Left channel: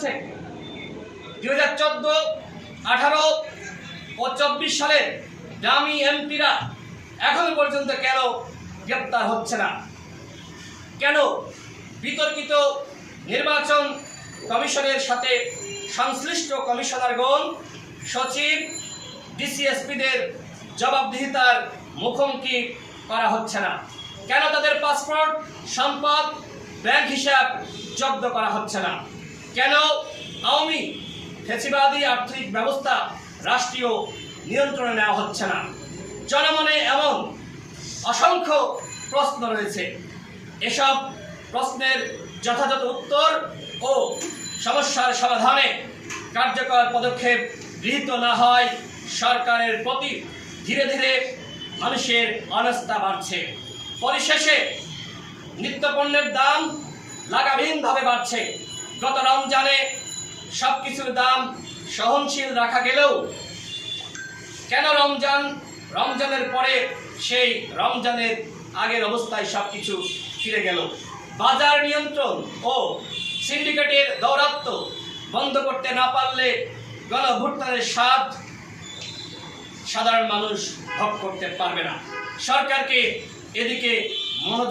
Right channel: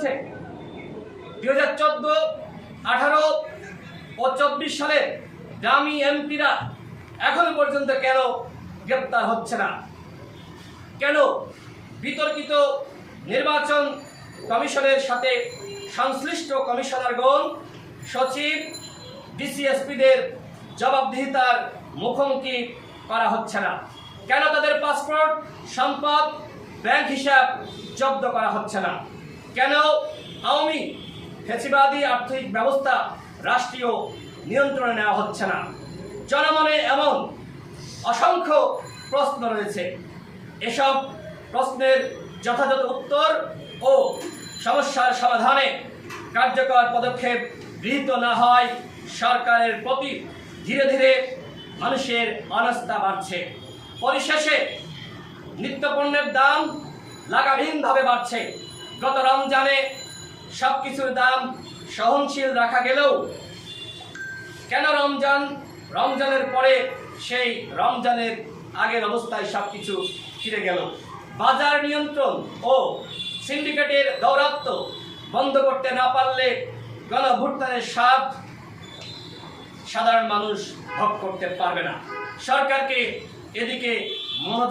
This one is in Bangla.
চলছে। 2014, 18 ও 24 সালের দামি এমপিরা এখনো পর্যন্ত কেন গ্রেপ্তার হচ্ছে না? কেন বিতর্কিত নির্বাচন কমিশনের সাথে সংশ্লিষ্ট কমিশনারগণ, সচিব, ডিসিএসপিদের জবাবদিহিতার মুখোমুখি করা হচ্ছে না? কেন তাদের পাসপোর্ট, সম্পদ, ব্যাংক হিসাব জব্দ করা হচ্ছে না? কেন আওয়ামী ফ্যাসিবাদী আর্থিক ব্যবস্থা রাষ্ট্রীয় নিয়ন্ত্রণে নেওয়া হচ্ছে না? জনমনে এমন অসংখ্য প্রশ্ন রয়েছে। এসব প্রশ্নের যথাযথ উত্তর ও সমস্যার সমাধানে কার্যকর পদক্ষেপ গৃহীত না হয় সরকারের প্রতি ধীরে ধীরে মানুষের অনাস্থা বাড়ছে। পরিশেষে নিত্যপণ্যের দাম লাগামহীনভাবে বাড়ছে। গত রমজানে সব কিছুর দাম সহনশীল রাখা গেলেও কেন রমজানের পরে সেই রমজানের আগের অবস্থায় সব কিছু ফিরে গেল? বাজার নিয়ন্ত্রণ ও সিন্ডিকেটের দৌরাত্ম্য বন্ধ করতে না পারলে গণভ্যুত্থানের স্বাদ সাধারণ মানুষ ভোগ করতে পারবে না। সরকারকে এদিকে মনোযোগ